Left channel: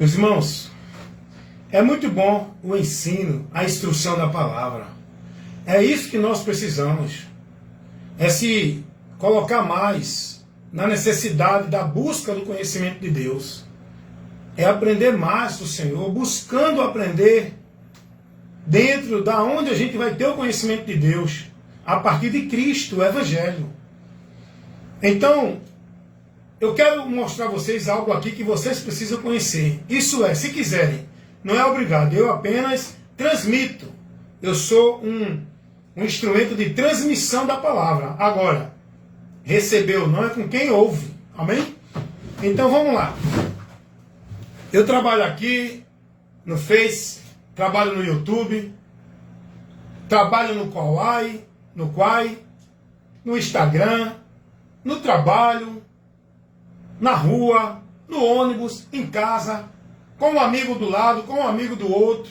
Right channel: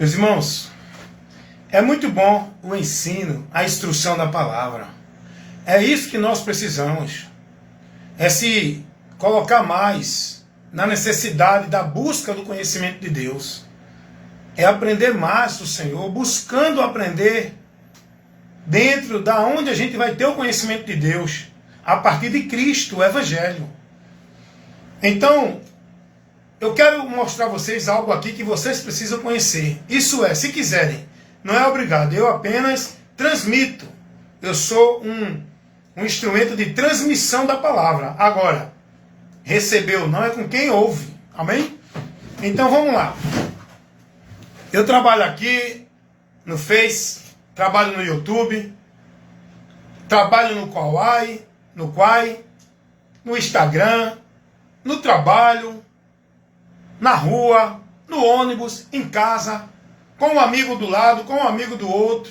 Meus irmãos, é muito bom o ensino, a instrução da palavra. É isso que nós precisamos. É se colocar mais na necessidade da busca do conhecimento de Deus. É aprender mais do Senhor, buscando aprender dentro da onde a gente vai ter o conhecimento de Deus, a partir de Cristo, o Evangelho. Então, eu quero mostrar a vocês algo aqui que vocês precisam conhecer. Isso é, se quiserem, não é obrigado, eu apenas transmito. Eu sou um instrumento de transmissão da palavra. Agora, recebeu não é com quem ouve. Amém? Então vamos lá. Eu trabalho aqui no Face, trabalho no YouTube, trabalho no Quai, no Instagram, no trabalho, na rua, no ônibus, em casa, com um amigo do lado, com um amigo do outro.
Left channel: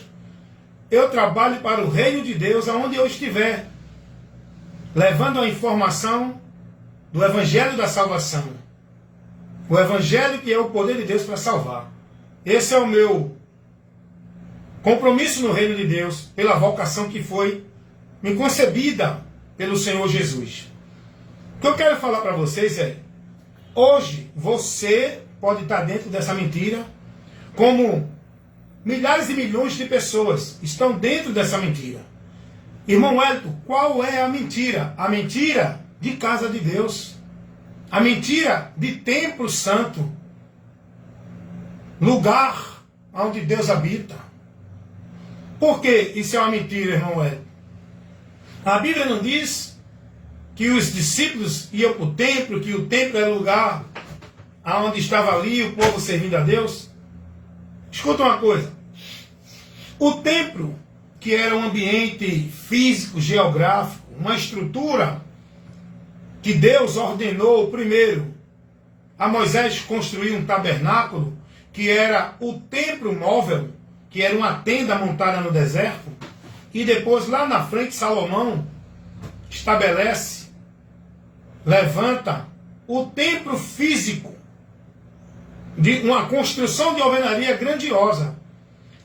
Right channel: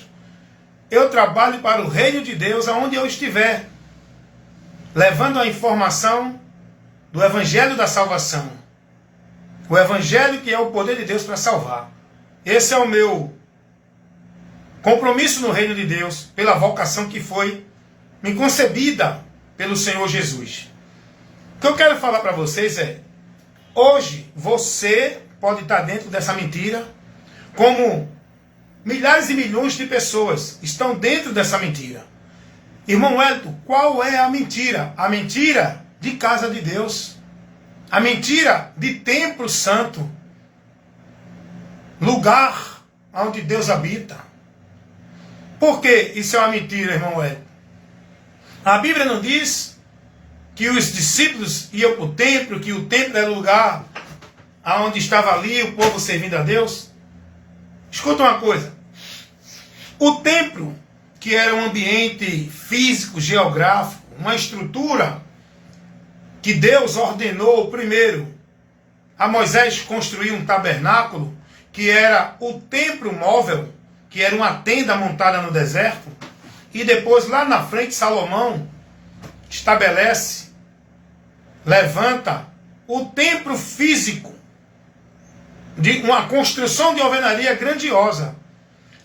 Eu trabalho para o reino de Deus aonde eu estiver, levando a informação do Evangelho da salvação. O Evangelho que é o poder de Deus para salvar. Esse é o meu compromisso no reino de Deus, pela vocação que foi me concebida pelo Senhor Jesus. O que eu quero falar para vocês é, hoje você pode estar dentro dessa mentira, como milhares e milhões de pessoas estão dentro dessa mentira. Irmão Hélito, qual é a mentira? A mentira de casa de Deus. A mentira de templo santo. Lugar onde Deus habita. Por que isso é uma mentira, irmão Hélito? A Bíblia não diz que os discípulos iam para o templo, que o templo era o lugar onde estava ali o povo servindo a Deus? Escuta uma coisa. O templo, que era um ambiente físico, geográfico, uma estrutura que Deus ordenou primeiro a Moisés construir um tabernáculo, que era o templo móvel, que era uma tenda montada no deserto, e depois lá na frente Salomão estabelece, levanta o templo físico, de uma construção de alvenaria grandiosa,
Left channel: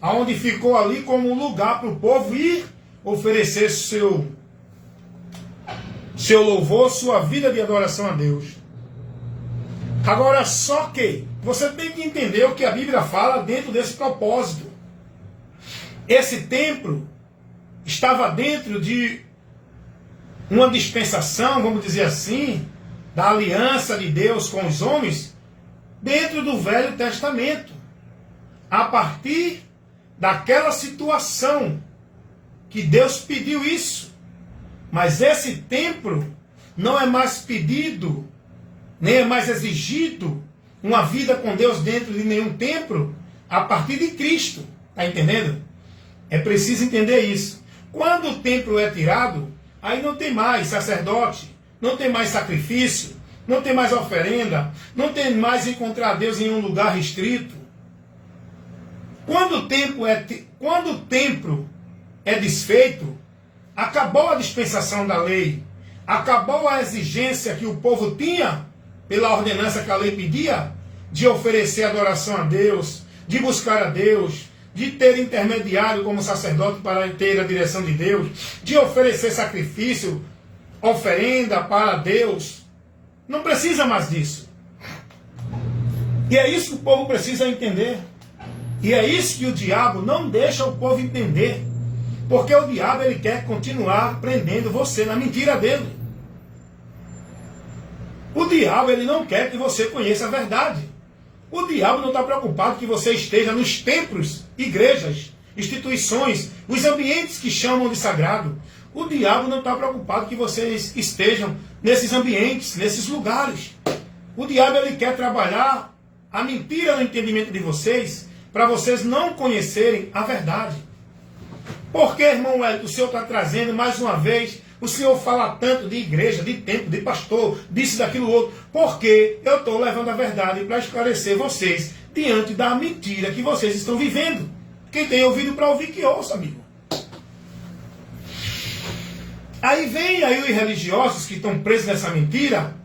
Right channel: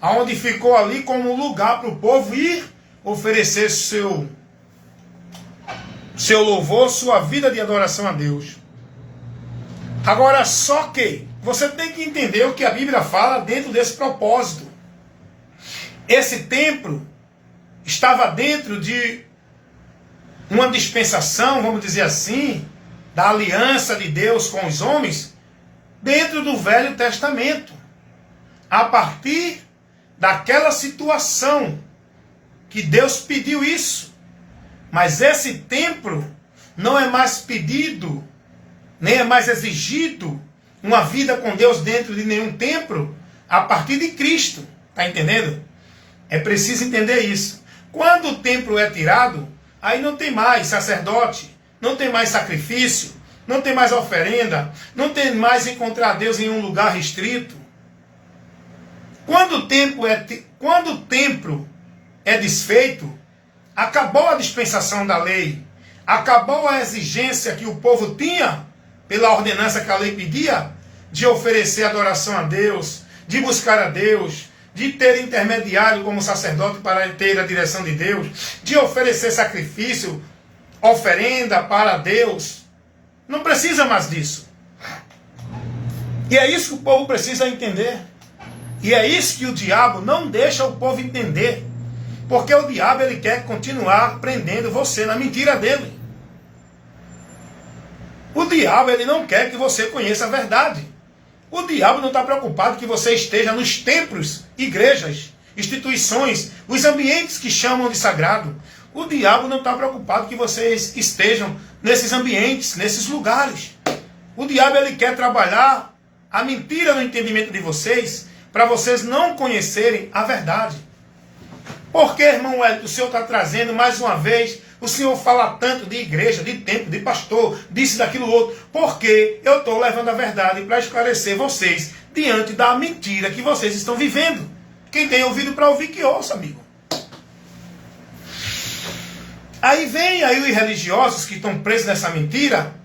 aonde ficou ali como um lugar para o povo ir oferecer seu louvor, sua vida de adoração a Deus. Agora, só que você tem que entender o que a Bíblia fala dentro desse propósito. Esse templo estava dentro de uma dispensação, vamos dizer assim, da aliança de Deus com os homens, dentro do Velho Testamento. A partir daquela situação que Deus pediu isso. Mas esse templo não é mais pedido, nem é mais exigido uma vida com Deus dentro de nenhum templo a partir de Cristo. Está entendendo? É preciso entender isso. Quando o templo é tirado, aí não tem mais sacerdote, não tem mais sacrifício, não tem mais oferenda, não tem mais encontrar Deus em um lugar restrito. Quando o templo é desfeito, acabou a dispensação da lei, acabou a exigência que o povo tinha, pela ordenança que a lei pedia, de oferecer adoração a Deus, de buscar a Deus, de ter intermediário como sacerdote para ter a direção de Deus, de oferecer sacrifício, oferenda para Deus. Não precisa mais disso. E é isso que o povo precisa entender. E é isso que o diabo não deixa o povo entender. Porque o diabo ele quer continuar prendendo você na mentira dele. O diabo ele não quer que você conheça a verdade. O diabo não está preocupado que você esteja nos templos, igrejas, instituições, os ambientes que chamam de sagrado. O diabo não está preocupado que vocês estejam nesses ambientes, nesses lugares. O diabo ele quer trabalhar a mentira no entendimento de vocês, para vocês não conhecerem a verdade. Por que, irmão Hélio, o Senhor está trazendo mais uma vez, o Senhor fala tanto de igreja, de templo, de pastor, disso, daquilo outro? Porque eu estou levando a verdade para esclarecer vocês diante da mentira que vocês estão vivendo. Quem tem ouvido para ouvir, que ouça, amigo. Aí vem aí os religiosos que estão presos nessa mentira,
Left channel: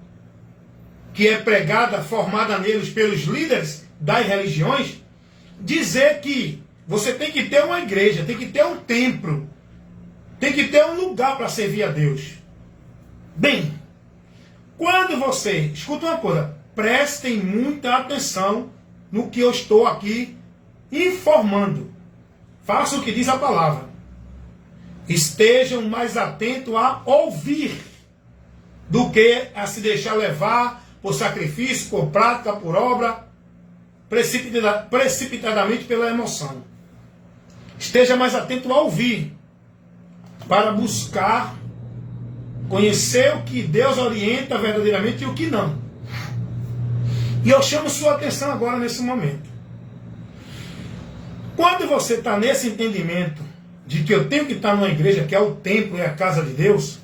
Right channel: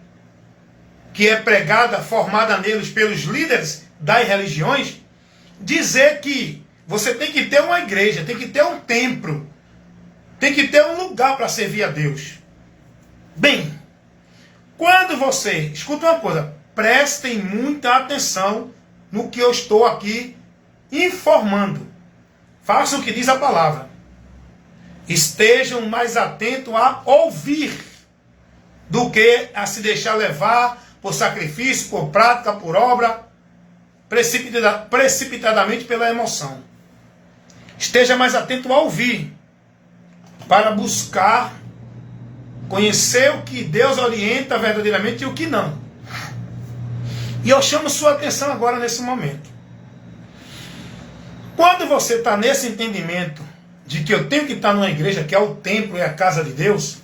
que é pregada, formada neles pelos líderes das religiões, dizer que você tem que ter uma igreja, tem que ter um templo, tem que ter um lugar para servir a Deus. Bem, quando você, escuta uma coisa, prestem muita atenção no que eu estou aqui informando. Faça o que diz a palavra. Estejam mais atentos a ouvir do que a se deixar levar por sacrifício, por prática, por obra, precipitadamente pela emoção. Esteja mais atento a ouvir, para buscar conhecer o que Deus orienta verdadeiramente e o que não. E eu chamo sua atenção agora nesse momento. Quando você está nesse entendimento de que eu tenho que estar numa igreja que é o templo e a casa de Deus,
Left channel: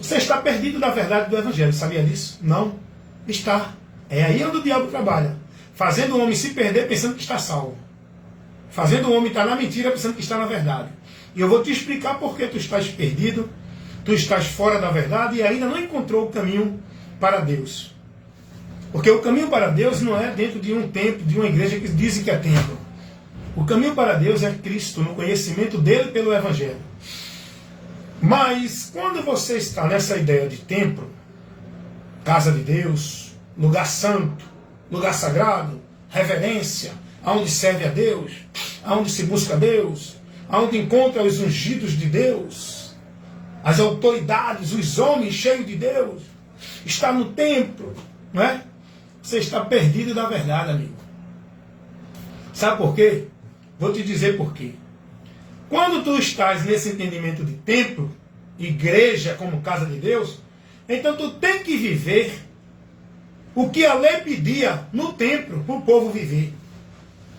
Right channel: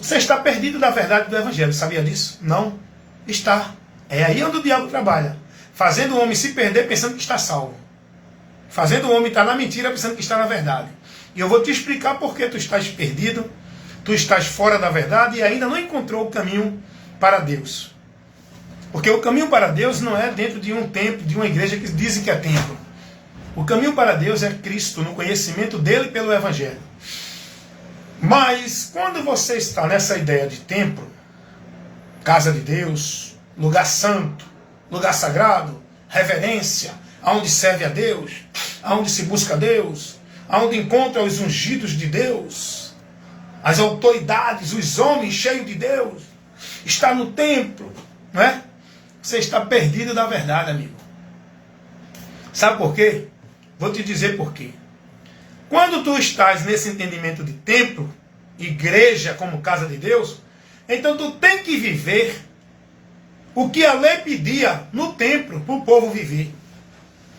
você está perdido da verdade do Evangelho. Sabia disso? Não está. É aí onde o diabo trabalha. Fazendo o homem se perder pensando que está salvo. Fazendo o homem estar na mentira pensando que está na verdade. E eu vou te explicar por que tu estás perdido, tu estás fora da verdade e ainda não encontrou o caminho para Deus. Porque o caminho para Deus não é dentro de um templo, de uma igreja que dizem que é templo. O caminho para Deus é Cristo, no conhecimento dele pelo Evangelho. Mas quando você está nessa ideia de templo, casa de Deus, lugar santo, lugar sagrado, reverência, aonde serve a Deus, aonde se busca a Deus, aonde encontra os ungidos de Deus, as autoridades, os homens cheios de Deus, está no templo, não é? Você está perdido da verdade, amigo. Sabe por quê? Vou te dizer por quê. Quando tu estás nesse entendimento de templo, igreja como casa de Deus, então tu tem que viver o que a lei pedia no templo para o povo viver.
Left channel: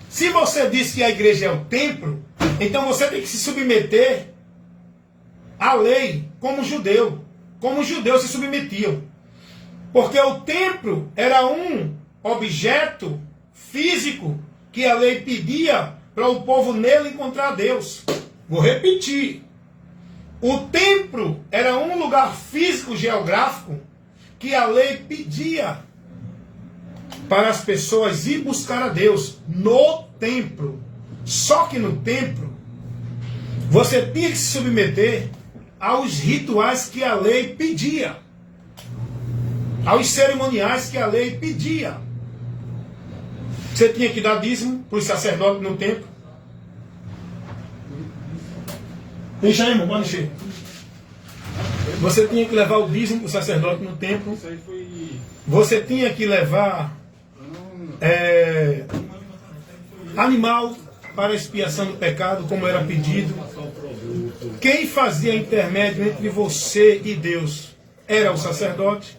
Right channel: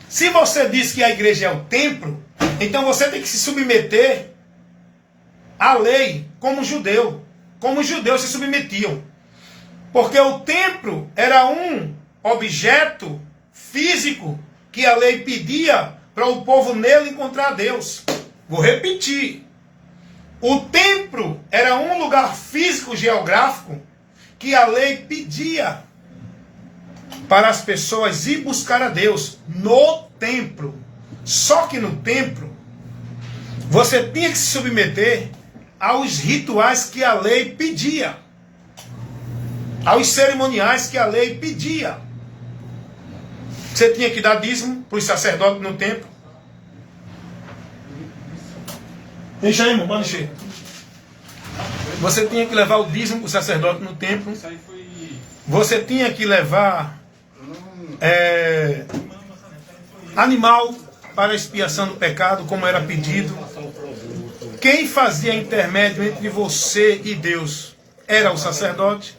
Se você diz que a igreja é o templo, então você tem que se submeter à lei como judeu. Como os judeus se submetiam. Porque o templo era um objeto físico que a lei pedia para o povo nele encontrar Deus. Vou repetir. O templo era um lugar físico geográfico que a lei pedia para as pessoas ir buscar a Deus no templo. Só que no templo você tinha que se submeter aos rituais que a lei pedia, aos cerimoniais que a lei pedia. Você tinha que dar dízimo para os sacerdotes no templo. Deixa aí, irmão, manda cheio. Você tinha que levar o dízimo para o sacerdote no templo. Você tinha que levar animal para a expiação do pecado, como era pedido. Quem fazia intermédio entre você e Deus era o sacerdote.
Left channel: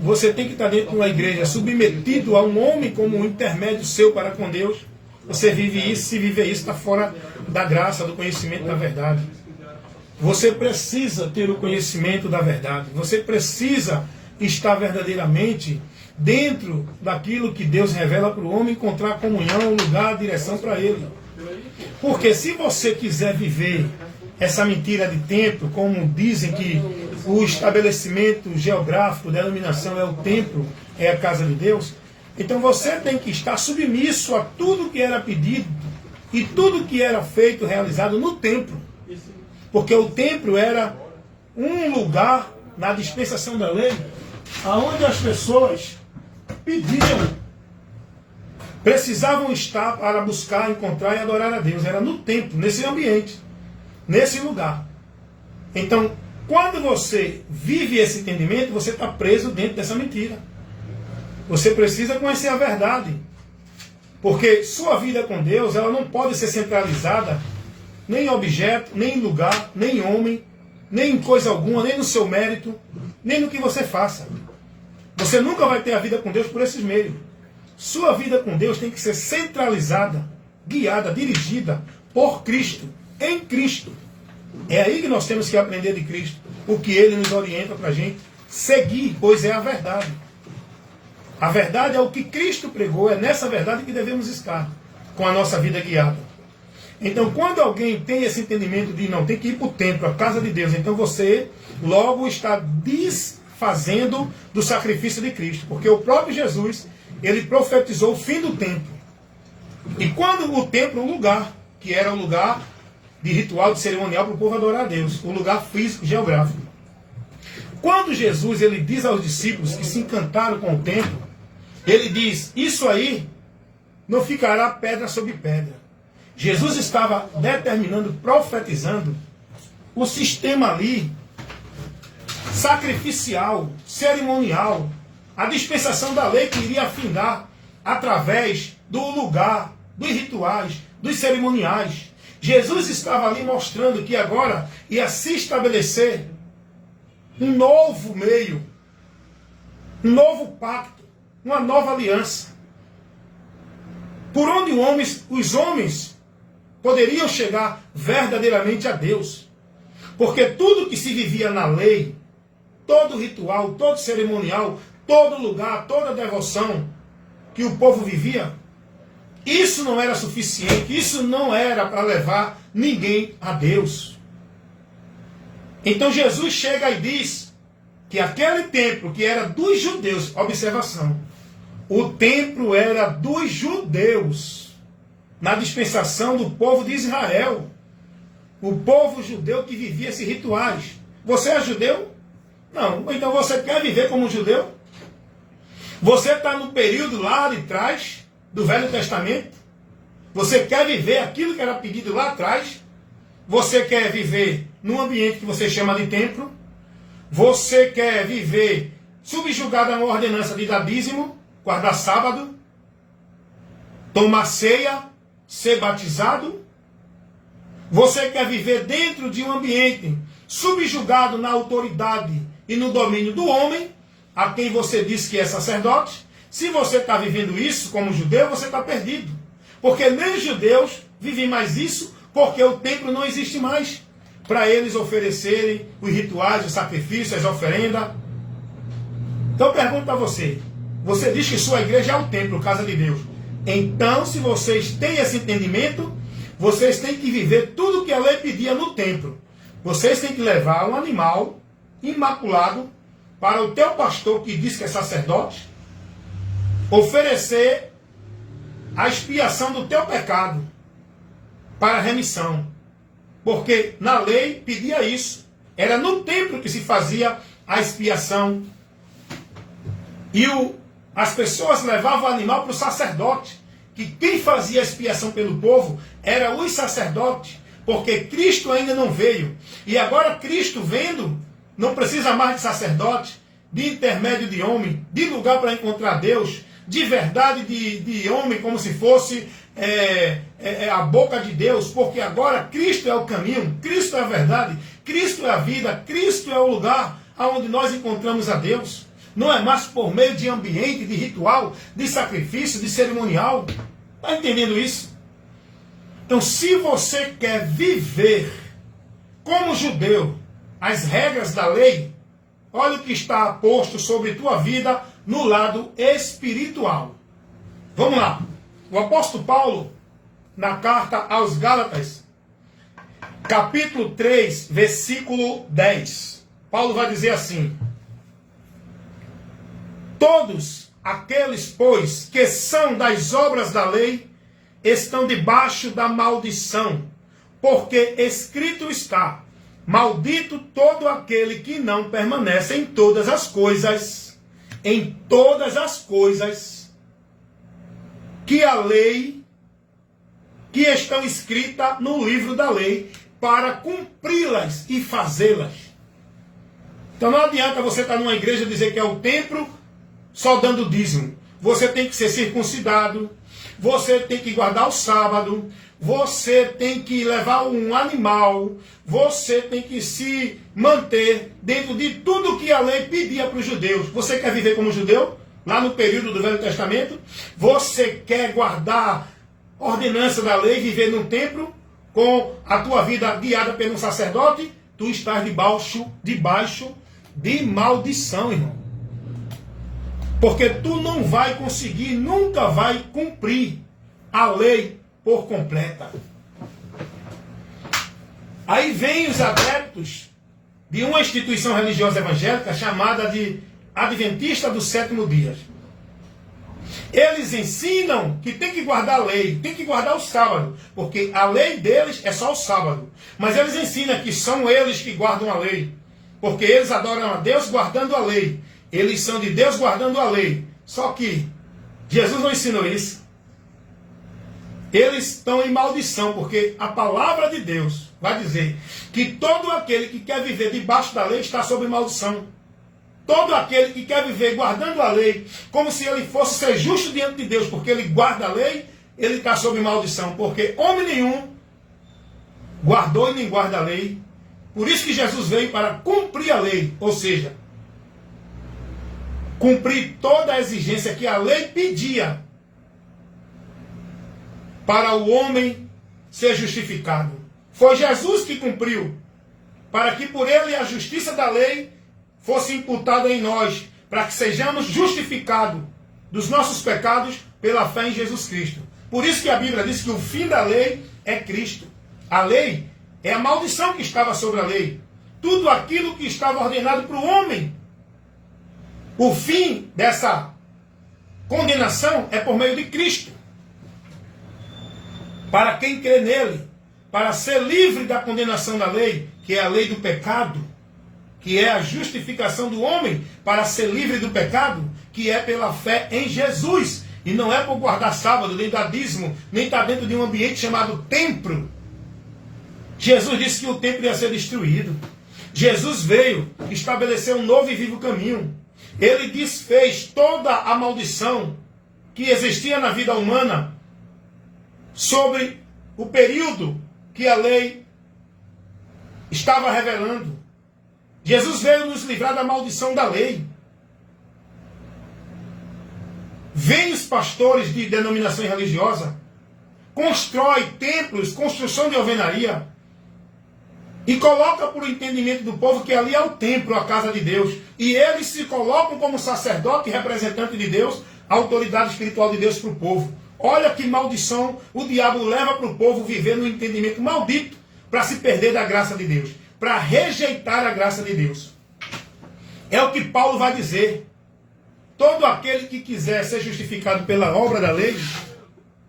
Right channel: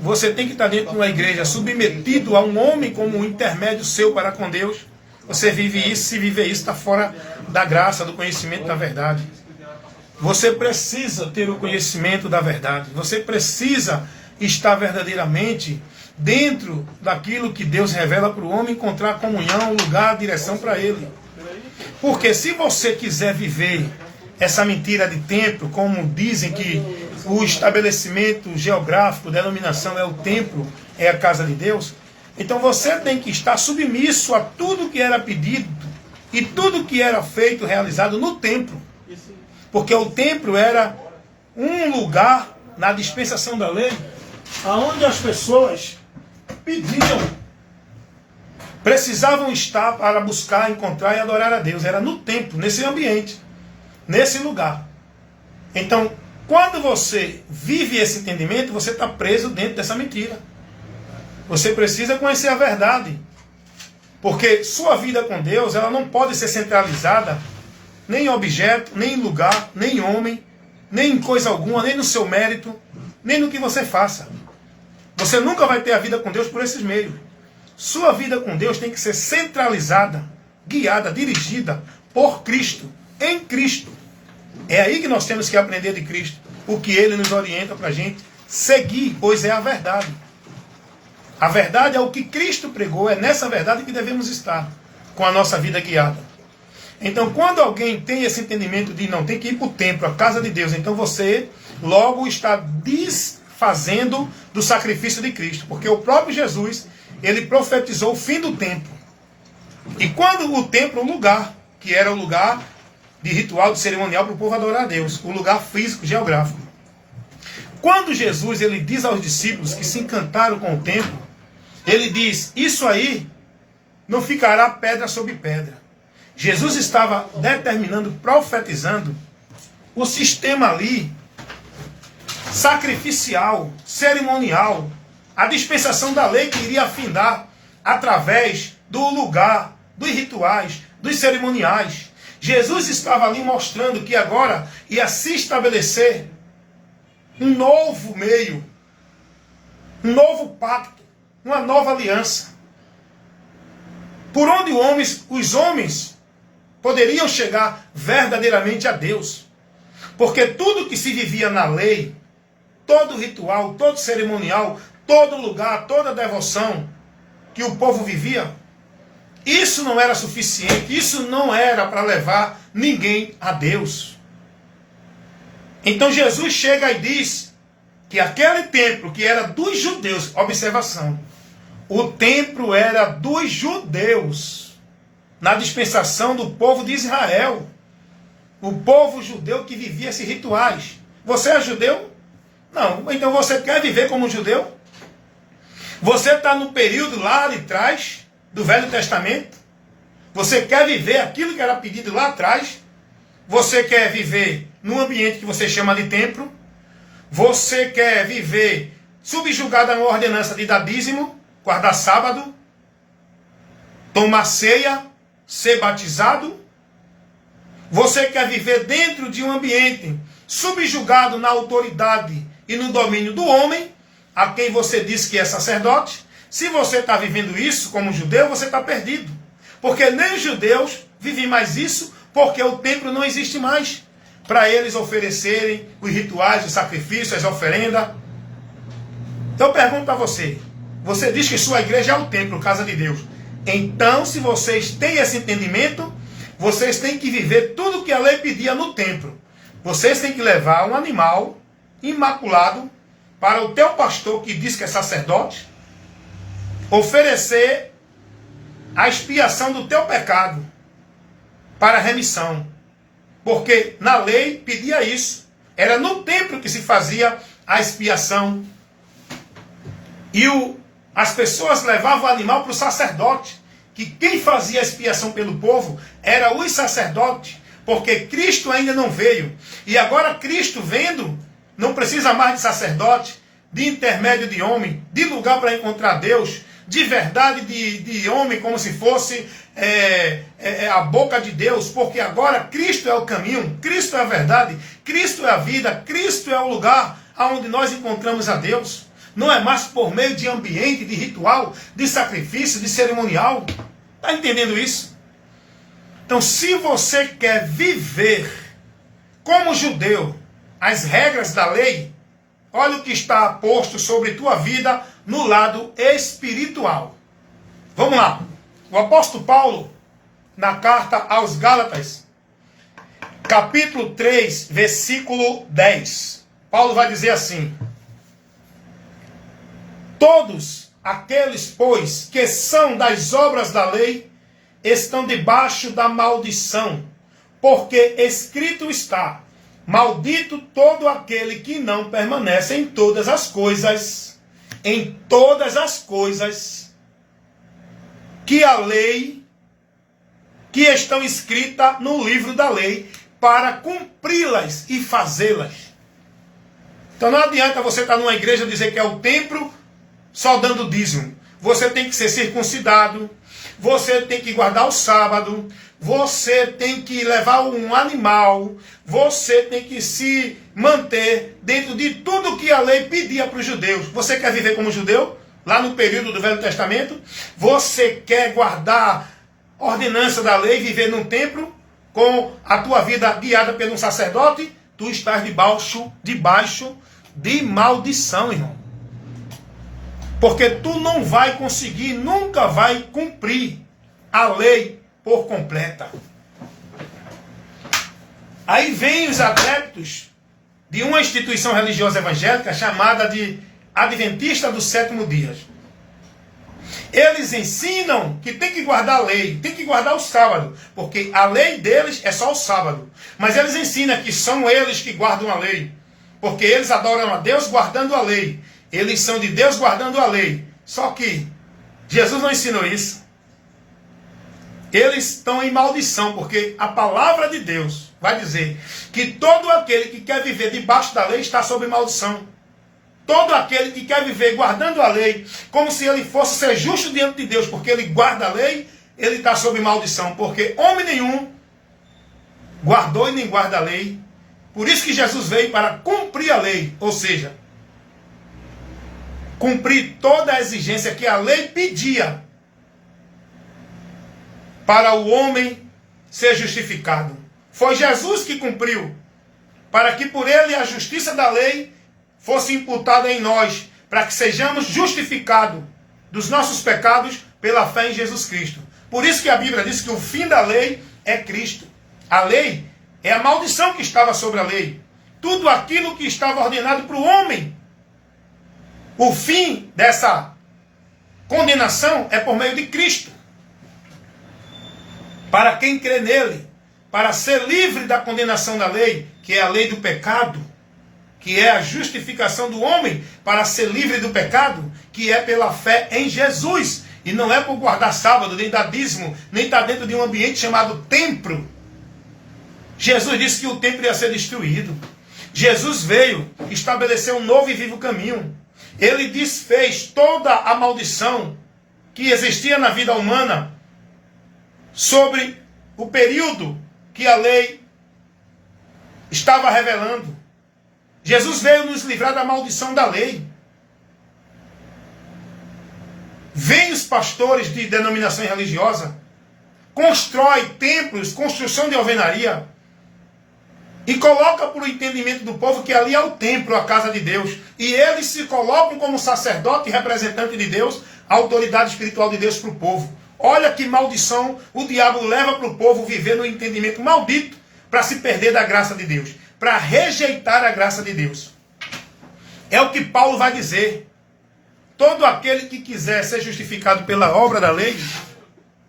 Você tem que estar dentro de uma igreja submetido a um homem como um intermédio seu para com Deus. Você vive isso, se viver isso, está fora da graça, do conhecimento da verdade. Você precisa ter o conhecimento da verdade. Você precisa estar verdadeiramente dentro daquilo que Deus revela para o homem, encontrar comunhão, lugar, direção para ele. Porque se você quiser viver essa mentira de templo, como dizem que o estabelecimento geográfico, denominação é o templo, é a casa de Deus, então você tem que estar submisso a tudo que era pedido e tudo que era feito, realizado no templo. Porque o templo era um lugar, na dispensação da lei, onde as pessoas pediam, precisavam estar para buscar, encontrar e adorar a Deus. Era no templo, nesse ambiente, nesse lugar. Então, quando você vive esse entendimento, você está preso dentro dessa mentira. Você precisa conhecer a verdade. Porque sua vida com Deus, ela não pode ser centralizada nem em objeto, nem em lugar, nem em homem, nem em coisa alguma, nem no seu mérito, nem no que você faça. Você nunca vai ter a vida com Deus por esses meios. Sua vida com Deus tem que ser centralizada, guiada, dirigida por Cristo, em Cristo. É aí que nós temos que aprender de Cristo, o que Ele nos orienta para a gente seguir, pois é a verdade. A verdade é o que Cristo pregou, é nessa verdade que devemos estar, com a nossa vida guiada. Então, quando alguém tem esse entendimento de não, tem que ir para o templo, a casa de Deus, então você logo está desfazendo do sacrifício de Cristo. Porque o próprio Jesus, ele profetizou o fim do templo. E quando o templo, o lugar, que era o lugar de ritual, de cerimonial para o povo adorar a Deus, o lugar físico, geográfico. Quando Jesus ele diz aos discípulos que se encantaram com o templo, ele diz, isso aí não ficará pedra sobre pedra. Jesus estava determinando, profetizando o sistema ali, sacrificial, cerimonial, a dispensação da lei que iria afindar através do lugar, dos rituais, dos cerimoniais. Jesus estava ali mostrando que agora ia se estabelecer um novo meio, um novo pacto, uma nova aliança, por onde os homens poderiam chegar verdadeiramente a Deus. Porque tudo que se vivia na lei, todo ritual, todo cerimonial, todo lugar, toda devoção que o povo vivia, isso não era suficiente, isso não era para levar ninguém a Deus. Então Jesus chega e diz que aquele templo que era dos judeus, observação, o templo era dos judeus, na dispensação do povo de Israel, o povo judeu que vivia esses rituais. Você é judeu? Não. Então você quer viver como um judeu? Você está no período lá de trás, do Velho Testamento? Você quer viver aquilo que era pedido lá atrás? Você quer viver num ambiente que você chama de templo? Você quer viver subjugado a uma ordenança de dar dízimo, guardar sábado, tomar ceia, ser batizado? Você quer viver dentro de um ambiente subjugado na autoridade e no domínio do homem, a quem você diz que é sacerdote? Se você está vivendo isso como judeu, você está perdido. Porque nem os judeus vivem mais isso, porque o templo não existe mais para eles oferecerem os rituais, os sacrifícios, as oferendas. Então eu pergunto para você, você diz que sua igreja é o templo, casa de Deus. Então, se vocês têm esse entendimento, vocês têm que viver tudo que a lei pedia no templo. Vocês têm que levar um animal imaculado para o teu pastor, que diz que é sacerdote, oferecer a expiação do teu pecado para a remissão. Porque na lei pedia isso. Era no templo que se fazia a expiação. E as pessoas levavam o animal para o sacerdote. Que quem fazia a expiação pelo povo era os sacerdotes. Porque Cristo ainda não veio. E agora Cristo vendo, não precisa mais de sacerdote, de intermédio de homem, de lugar para encontrar Deus, de verdade de homem, como se fosse a boca de Deus, porque agora Cristo é o caminho, Cristo é a verdade, Cristo é a vida, Cristo é o lugar onde nós encontramos a Deus. Não é mais por meio de ambiente, de ritual, de sacrifício, de cerimonial. Está entendendo isso? Então, se você quer viver como judeu as regras da lei, olha o que está posto sobre tua vida no lado espiritual. Vamos lá. O apóstolo Paulo, na carta aos Gálatas, capítulo 3, versículo 10. Paulo vai dizer assim: todos aqueles, pois, que são das obras da lei, estão debaixo da maldição, porque escrito está: maldito todo aquele que não permanece em todas as coisas que a lei, que estão escritas no livro da lei, para cumpri-las e fazê-las. Então não adianta você estar numa igreja e dizer que é o templo só dando dízimo. Você tem que ser circuncidado, você tem que guardar o sábado, você tem que levar um animal, você tem que se manter dentro de tudo que a lei pedia para os judeus. Você quer viver como judeu? Lá no período do Velho Testamento? Você quer guardar a ordenança da lei, viver num templo, com a tua vida guiada pelo sacerdote? Tu estás debaixo de maldição, irmão. Porque tu não vai conseguir, nunca vai cumprir a lei por completa. Aí vem os adeptos de uma instituição religiosa evangélica chamada de Adventista do Sétimo Dia. Eles ensinam que tem que guardar a lei, tem que guardar o sábado, porque a lei deles é só o sábado. Mas eles ensinam que são eles que guardam a lei, porque eles adoram a Deus guardando a lei. Eles são de Deus guardando a lei. Só que Jesus não ensinou isso. Eles estão em maldição, porque a palavra de Deus vai dizer que todo aquele que quer viver debaixo da lei está sob maldição. Todo aquele que quer viver guardando a lei, como se ele fosse ser justo diante de Deus, porque ele guarda a lei, ele está sob maldição, porque homem nenhum guardou e nem guarda a lei. Por isso que Jesus veio para cumprir a lei, ou seja, cumprir toda a exigência que a lei pedia para o homem ser justificado. Foi Jesus que cumpriu, para que por ele a justiça da lei fosse imputada em nós, para que sejamos justificados dos nossos pecados pela fé em Jesus Cristo. Por isso que a Bíblia diz que o fim da lei é Cristo. A lei é a maldição que estava sobre a lei. Tudo aquilo que estava ordenado para o homem. O fim dessa condenação é por meio de Cristo. Para quem crê nele, para ser livre da condenação da lei, que é a lei do pecado, que é a justificação do homem para ser livre do pecado, que é pela fé em Jesus. E não é por guardar sábado, nem dar dízimo, nem estar dentro de um ambiente chamado templo. Jesus disse que o templo ia ser destruído. Jesus veio estabelecer um novo e vivo caminho. Ele desfez toda a maldição que existia na vida humana sobre o período que a lei estava revelando. Jesus veio nos livrar da maldição da lei. Vêm os pastores de denominação religiosa, constrói templos, construção de alvenaria, e coloca para o entendimento do povo que ali é o templo, a casa de Deus. E eles se colocam como sacerdote e representante de Deus, a autoridade espiritual de Deus para o povo. Olha que maldição o diabo leva para o povo viver no entendimento maldito para se perder da graça de Deus, para rejeitar a graça de Deus. É o que Paulo vai dizer. Todo aquele que quiser ser justificado pela obra da lei...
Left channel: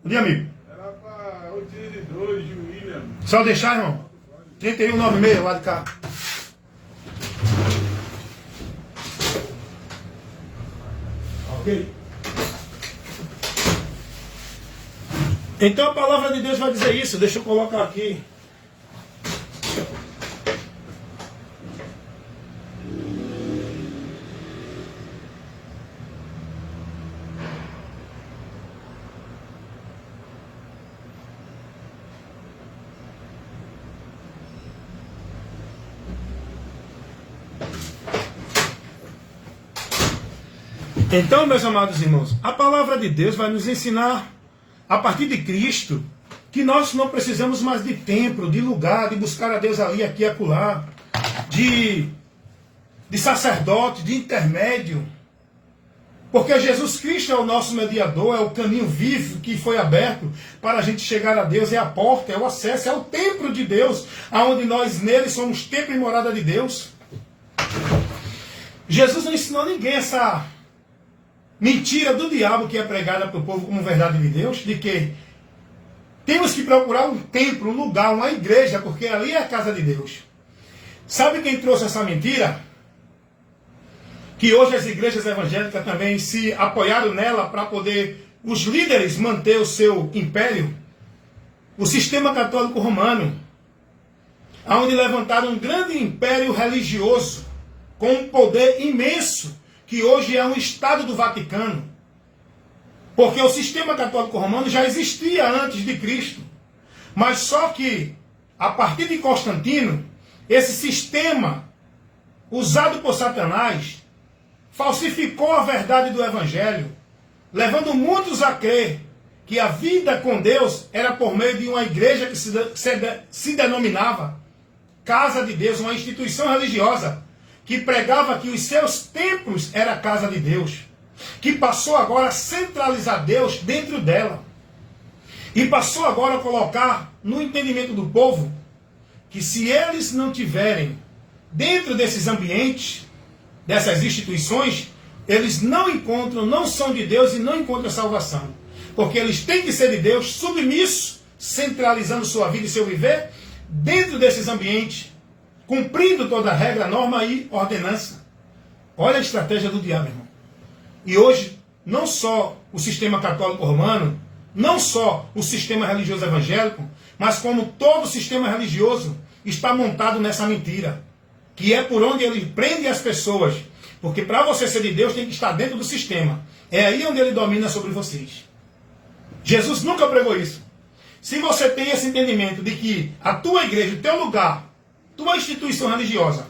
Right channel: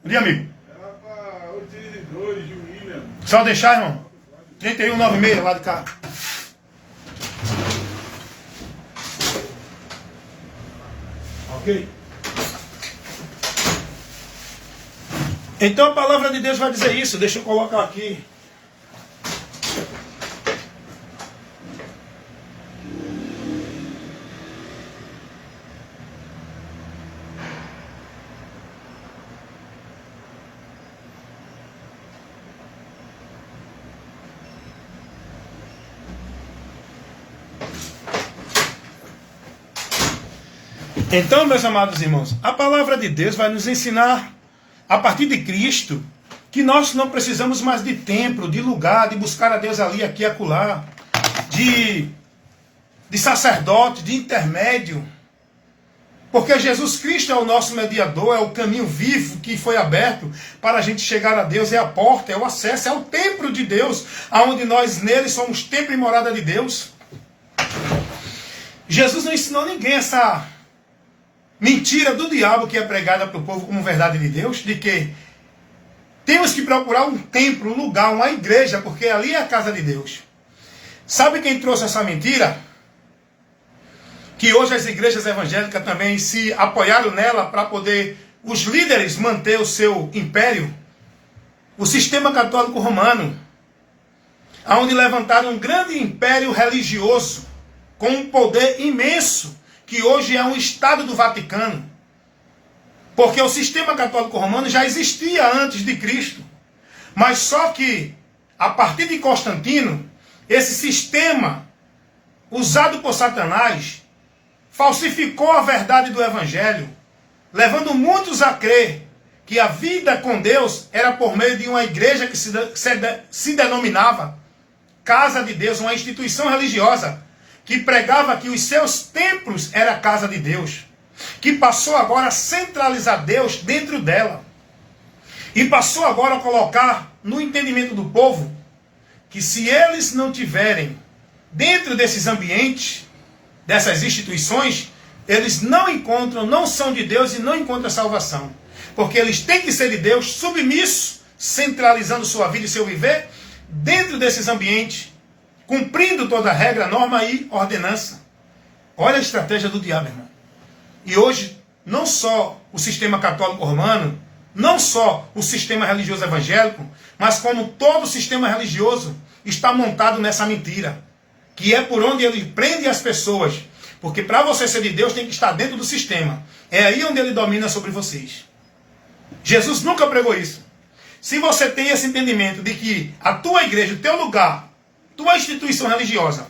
Bom dia, amigo. Era para 82 de William. Só deixar, irmão. 3196 lá de cá. Ok? Então a palavra de Deus vai dizer isso. Deixa eu colocar aqui. Então, meus amados irmãos, a palavra de Deus vai nos ensinar, a partir de Cristo, que nós não precisamos mais de templo, de lugar, de buscar a Deus ali, aqui e acolá, de sacerdote, de intermédio, porque Jesus Cristo é o nosso mediador, é o caminho vivo que foi aberto para a gente chegar a Deus, é a porta, é o acesso, é o templo de Deus, aonde nós nele somos templo e morada de Deus. Jesus não ensinou ninguém essa mentira do diabo que é pregada para o povo como verdade de Deus, de que temos que procurar um templo, um lugar, uma igreja, porque ali é a casa de Deus. Sabe quem trouxe essa mentira? Que hoje as igrejas evangélicas também se apoiaram nela para poder os líderes manter o seu império. O sistema católico romano, onde levantaram um grande império religioso com um poder imenso, que hoje é um Estado do Vaticano. Porque o sistema católico romano já existia antes de Cristo. Mas só que, a partir de Constantino, esse sistema, usado por Satanás, falsificou a verdade do Evangelho, levando muitos a crer que a vida com Deus era por meio de uma igreja que se denominava Casa de Deus, uma instituição religiosa, que pregava que os seus templos era a casa de Deus, que passou agora a centralizar Deus dentro dela, e passou agora a colocar no entendimento do povo que se eles não tiverem dentro desses ambientes, dessas instituições, eles não encontram, não são de Deus e não encontram salvação. Porque eles têm que ser de Deus, submissos, centralizando sua vida e seu viver dentro desses ambientes, cumprindo toda a regra, norma e ordenança. Olha a estratégia do diabo, irmão. E hoje, não só o sistema católico romano, não só o sistema religioso evangélico, mas como todo o sistema religioso está montado nessa mentira, que é por onde ele prende as pessoas. Porque para você ser de Deus tem que estar dentro do sistema. É aí onde ele domina sobre vocês. Jesus nunca pregou isso. Se você tem esse entendimento de que a tua igreja, o teu lugar, tua instituição religiosa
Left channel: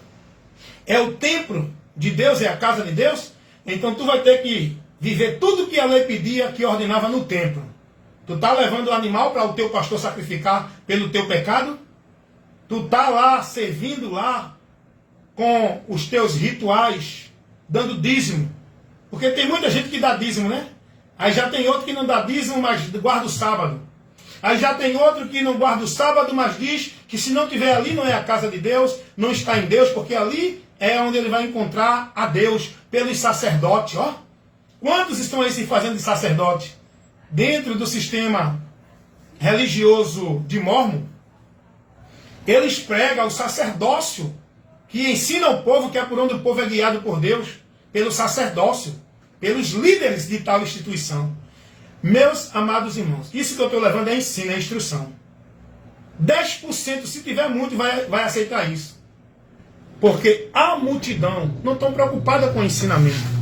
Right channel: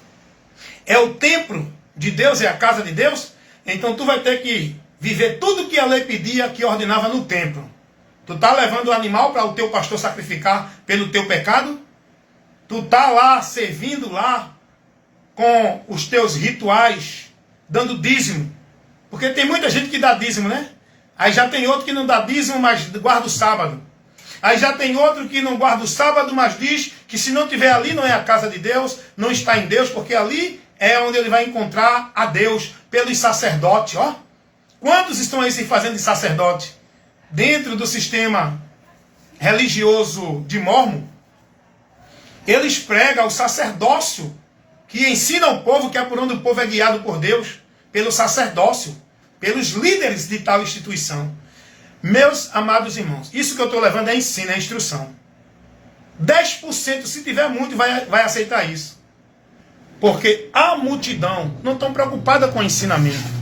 é o templo de Deus, é a casa de Deus, então tu vai ter que viver tudo que a lei pedia, que ordenava no templo. Tu tá levando o animal para o teu pastor sacrificar pelo teu pecado? Tu tá lá servindo lá com os teus rituais, dando dízimo. Porque tem muita gente que dá dízimo, né? Aí já tem outro que não dá dízimo, mas guarda o sábado. Aí já tem outro que não guarda o sábado, mas diz que se não tiver ali não é a casa de Deus, não está em Deus, porque ali é onde ele vai encontrar a Deus pelos sacerdotes, ó. Quantos estão aí se fazendo de sacerdote dentro do sistema religioso de Mórmon? Eles pregam o sacerdócio, que ensina ao povo que é por onde o povo é guiado por Deus, pelo sacerdócio, pelos líderes de tal instituição. Meus amados irmãos, isso que eu estou levando é ensino, é instrução. 10%, se tiver muito, vai aceitar isso. Porque a multidão não está preocupada com o ensinamento.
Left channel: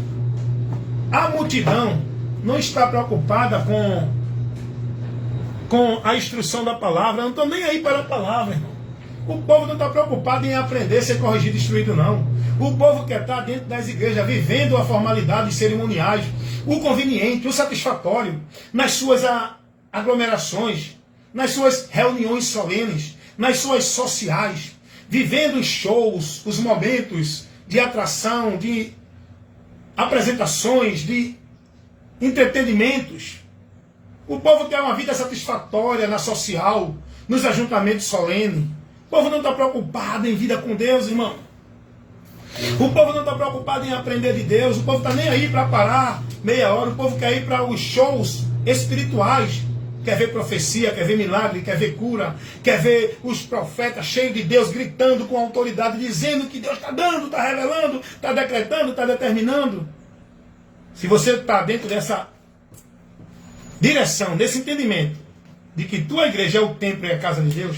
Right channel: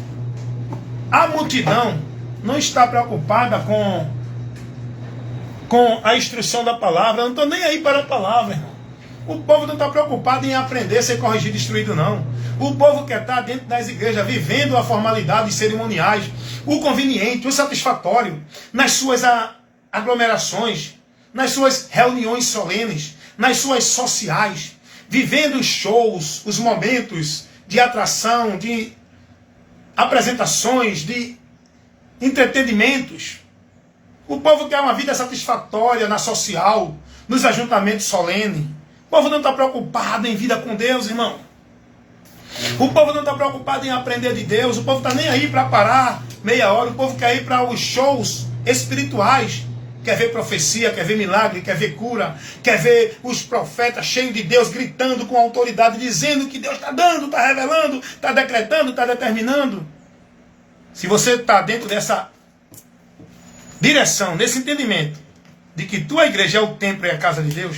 A multidão não está preocupada com a instrução da palavra. Eu não estou nem aí para a palavra, irmão. O povo não está preocupado em aprender, ser corrigido, instruído, não. O povo quer estar dentro das igrejas, vivendo a formalidade cerimoniais, o conveniente, o satisfatório, nas suas aglomerações, nas suas reuniões solenes, nas suas sociais, vivendo os shows, os momentos de atração, de apresentações, de entretenimentos. O povo quer uma vida satisfatória na social, nos ajuntamentos solenes. O povo não está preocupado em vida com Deus, irmão. O povo não está preocupado em aprender de Deus. O povo está nem aí para parar meia hora. O povo quer ir para os shows espirituais. Quer ver profecia, quer ver milagre, quer ver cura. Quer ver os profetas cheios de Deus gritando com autoridade, dizendo que Deus está dando, está revelando, está decretando, está determinando. Se você está dentro dessa direção, desse entendimento de que tua igreja é o templo e a casa de Deus,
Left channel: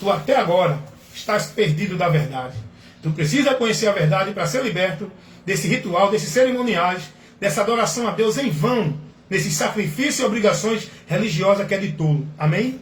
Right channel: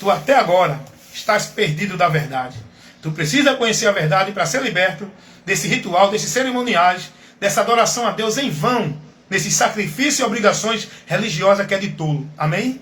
tu até agora estás perdido da verdade. Tu precisa conhecer a verdade para ser liberto desse ritual, desses cerimoniais, dessa adoração a Deus em vão, nesses sacrifícios e obrigações religiosas que é de tolo. Amém?